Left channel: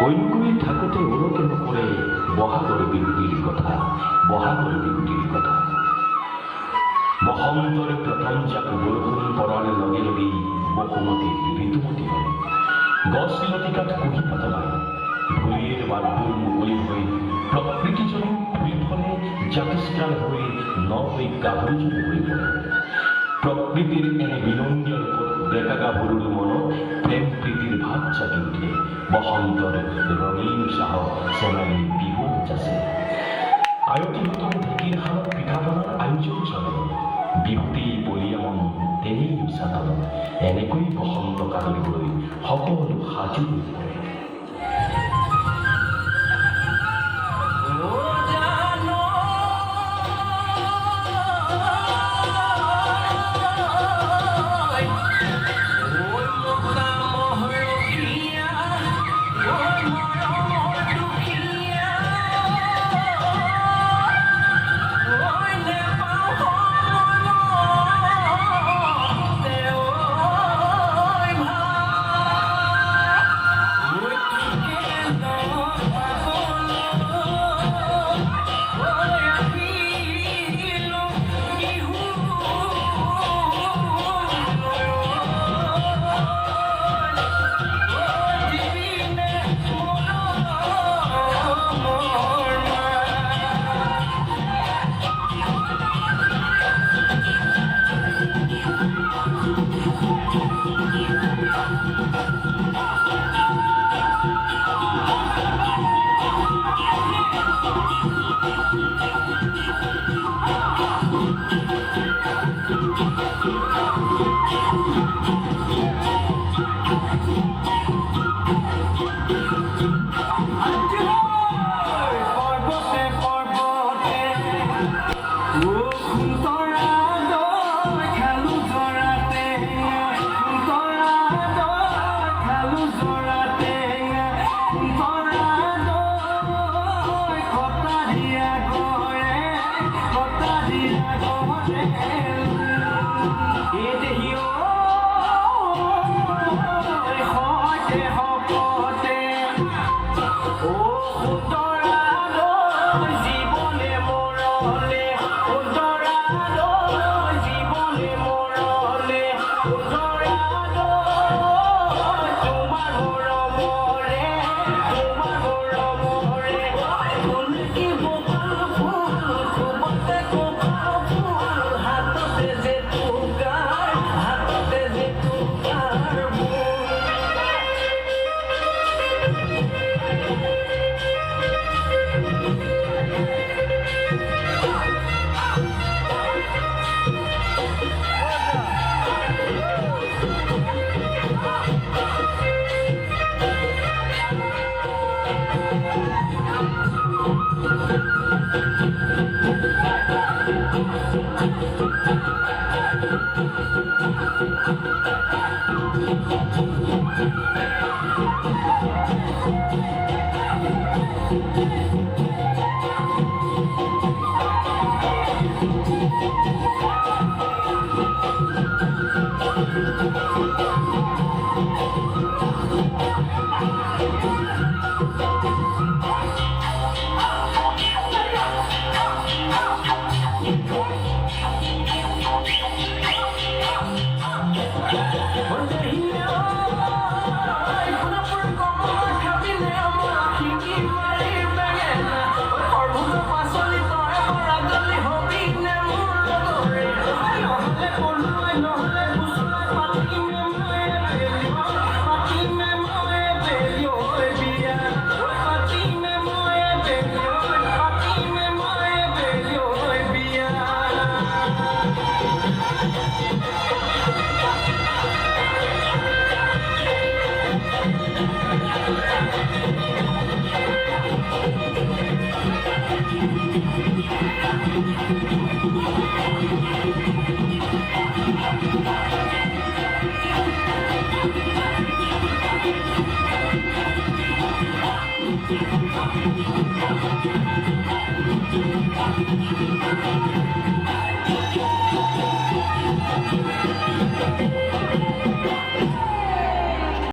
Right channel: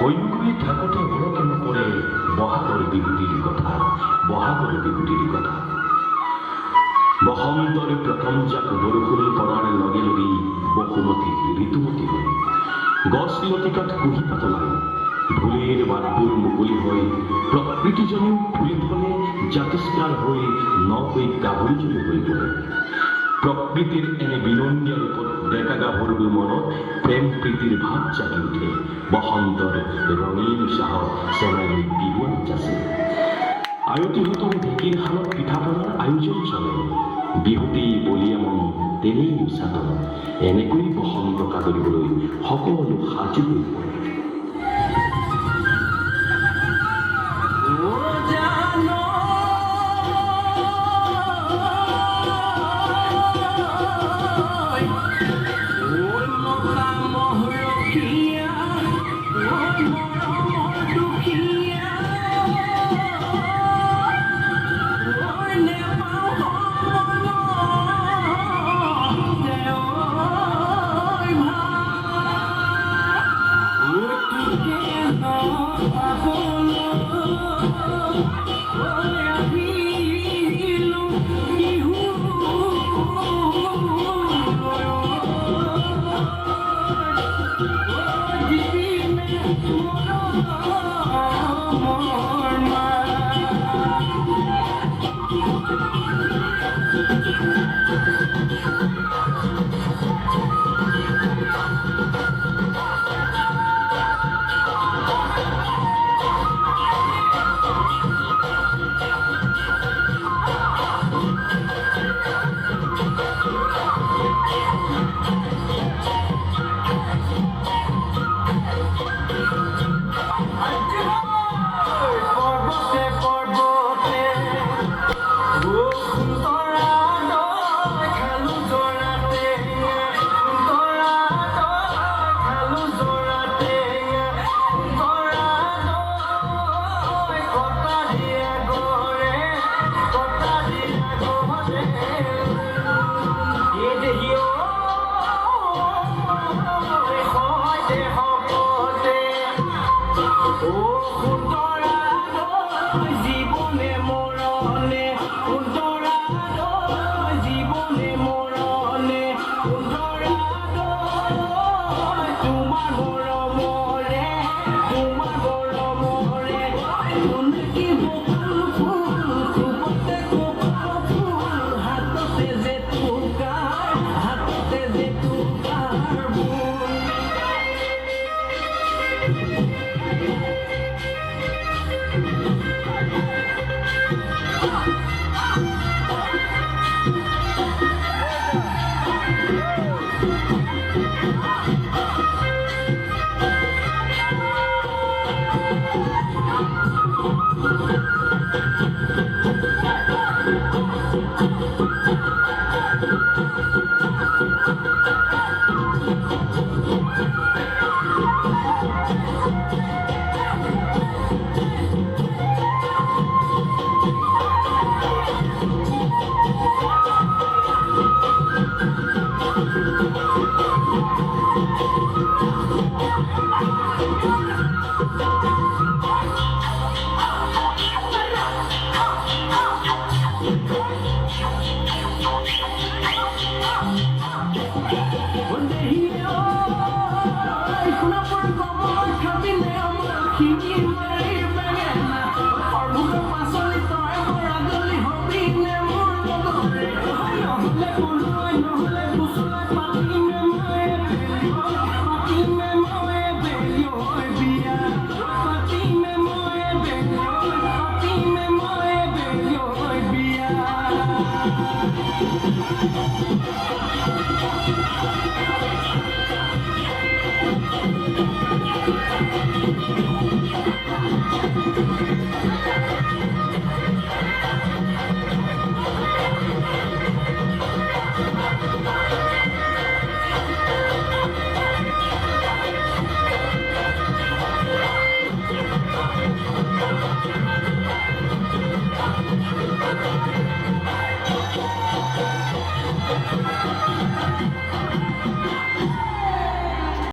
হৈমগুৰি থাকোঁতে মনতে নপৰে বহাগৰ বিহুটিৰ কথা, বহাগৰ বিহুটিৰ কথা। বসন্তৰ প্ৰথম জাক বৰষুণ পৰাৰ লগে লগেই বসুমতী ঋতুমতী হয়। গছ লতিকাত কুঁহিপাত ওলায়, ঢোলেৰ বাটবোৰ মুকলি হৈ প্ৰকৃতিজনেও ফুলি ফলে জাতিষ্কাৰ হৈ নকৈ গাভৰুজনী হৈ পৰে। প্ৰকৃতিৰ এনে বিনন্দীয় ৰূপত ডেকা গাভৰুৰ মনত প্ৰেম প্ৰীতিৰ ভাৱ জাগি উঠে। বসন্তৰ ৰঙীন চাহত চেনাইৰ বিহু যাচে। আয়তীহঁতৰ ঢেঁকীৰ শালত পিঠা পনাৰ আয়োজন চলে। বিহুতেই বলিয়া মন তেনেই উচাতন। এনেকৈ বসন্ত কাদৰিবলৈ সকলো সাজু হৈ পৰে।